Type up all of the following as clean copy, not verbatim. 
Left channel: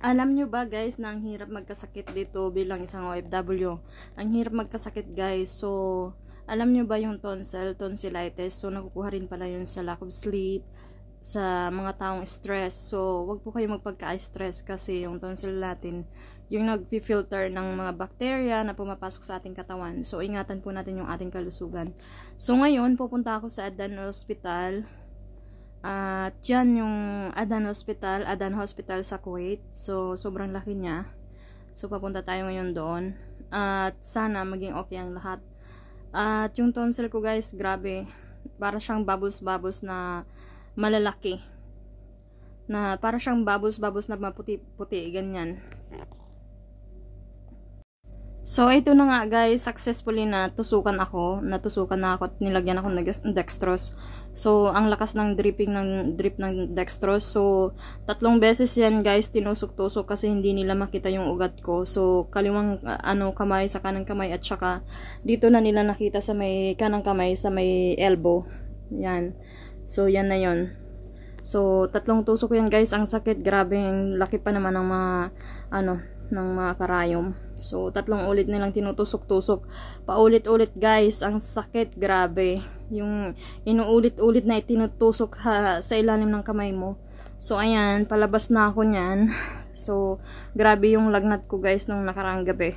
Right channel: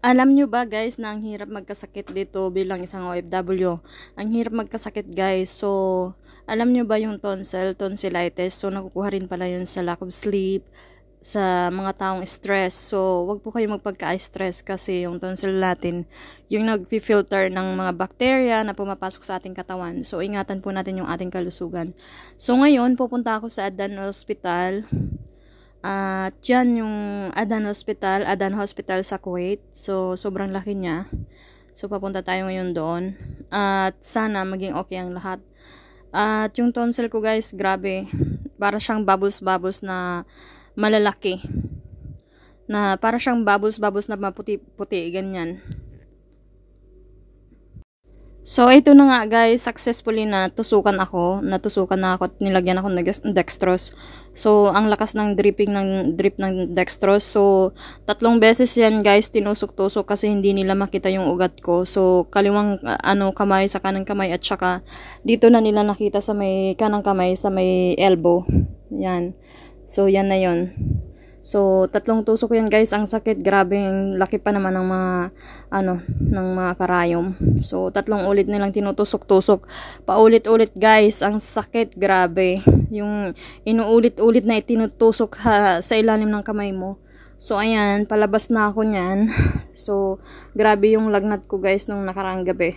Alam nyo ba guys na ang hirap magkasakit dito bilang isang OFW? Ang hirap magkasakit guys. So, alam nyo ba yung tonsillitis? So, nakukuha rin pala yun sa lack of sleep, sa mga taong stress. So, wag po kayo magpagka-stress kasi yung tonsil natin, yung nag-filter ng mga bacteria na pumapasok sa ating katawan. So, ingatan po natin yung ating kalusugan. So, ngayon, pupunta ako sa Adan Hospital. At yan yung Adan Hospital sa Kuwait. So, sobrang laki niya. So, papunta tayo ngayon doon. At sana maging okay ang lahat. At yung tonsil ko guys, grabe. Para siyang bubbles na malalaki. Para siyang bubbles na maputi-puti, ganyan. So, ito na nga guys, successfully natusukan na ako at nilagyan ako ng dextrose. So, ang lakas ng drip ng dextrose. So, 3 beses yan guys, tinusok-tusok kasi hindi nila makita yung ugat ko. So, kaliwang kamay sa kanang kamay at saka dito na nila nakita sa may kanang kamay sa may elbow. Yan. So, yan na yon. So, 3 tusok yan guys. Ang sakit, grabe, laki pa naman ng mga karayom. So, 3 ulit nilang tinutusok-tusok. Paulit-ulit guys, ang sakit, grabe. Yung inuulit-ulit na itinutusok sa ilalim ng kamay mo. So, ayan, palabas na ako niyan. So, grabe yung lagnat ko guys nung nakaraang gabi.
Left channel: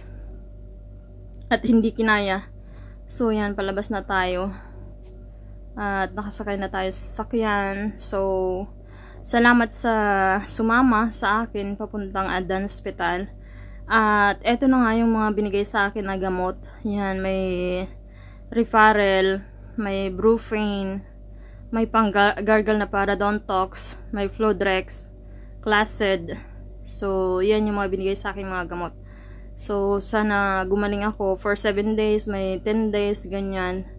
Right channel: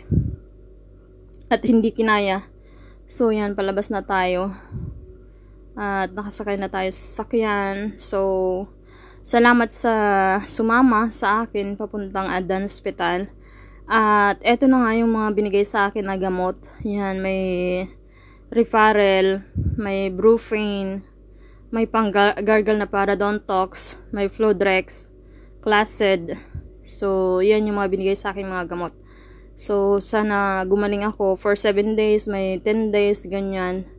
At hindi kinaya. So, yan, palabas na tayo. At nakasakay na tayo sa sakyan. So, salamat sa sumama sa akin papuntang Adan Hospital. At eto na nga yung mga binigay sa akin na gamot. Yan, may Refarel, may Brufen, may pang-gargle na Parodontox, may Fludrex, Classid. So, yan yung mga binigay sa akin mga gamot. So, sana gumaling ako for 7 days, may 10 days, ganyan.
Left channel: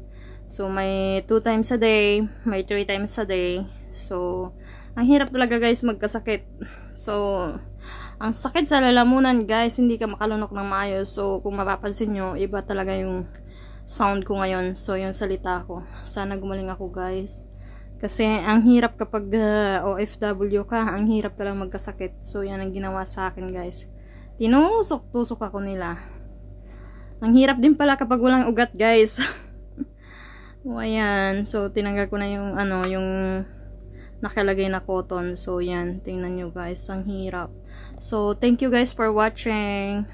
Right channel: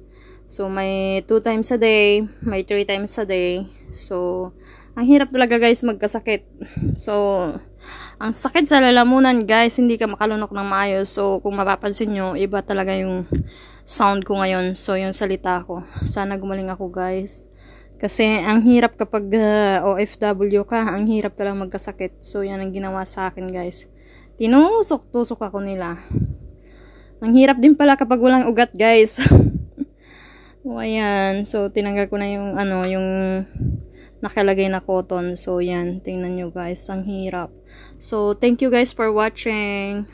So, may 2 times a day, may 3 times a day. So, ang hirap talaga guys magkasakit. So, ang sakit sa lalamunan guys, hindi ka makalunok ng maayos. So, kung mapapansin nyo, iba talaga yung sound ko ngayon. So, yung salita ko. Sana gumaling ako guys. Kasi, ang hirap kapag OFW ka, ang hirap talaga magkasakit. So, yan ang ginawa sa akin guys. Tinusok-tusok ako nila. Ang hirap din pala kapag walang ugat guys. O, ayan. So, tinanggal ko na yung, yung nakalagay na cotton. So, yan. Tingnan nyo guys. Ang hirap. So, thank you guys for watching.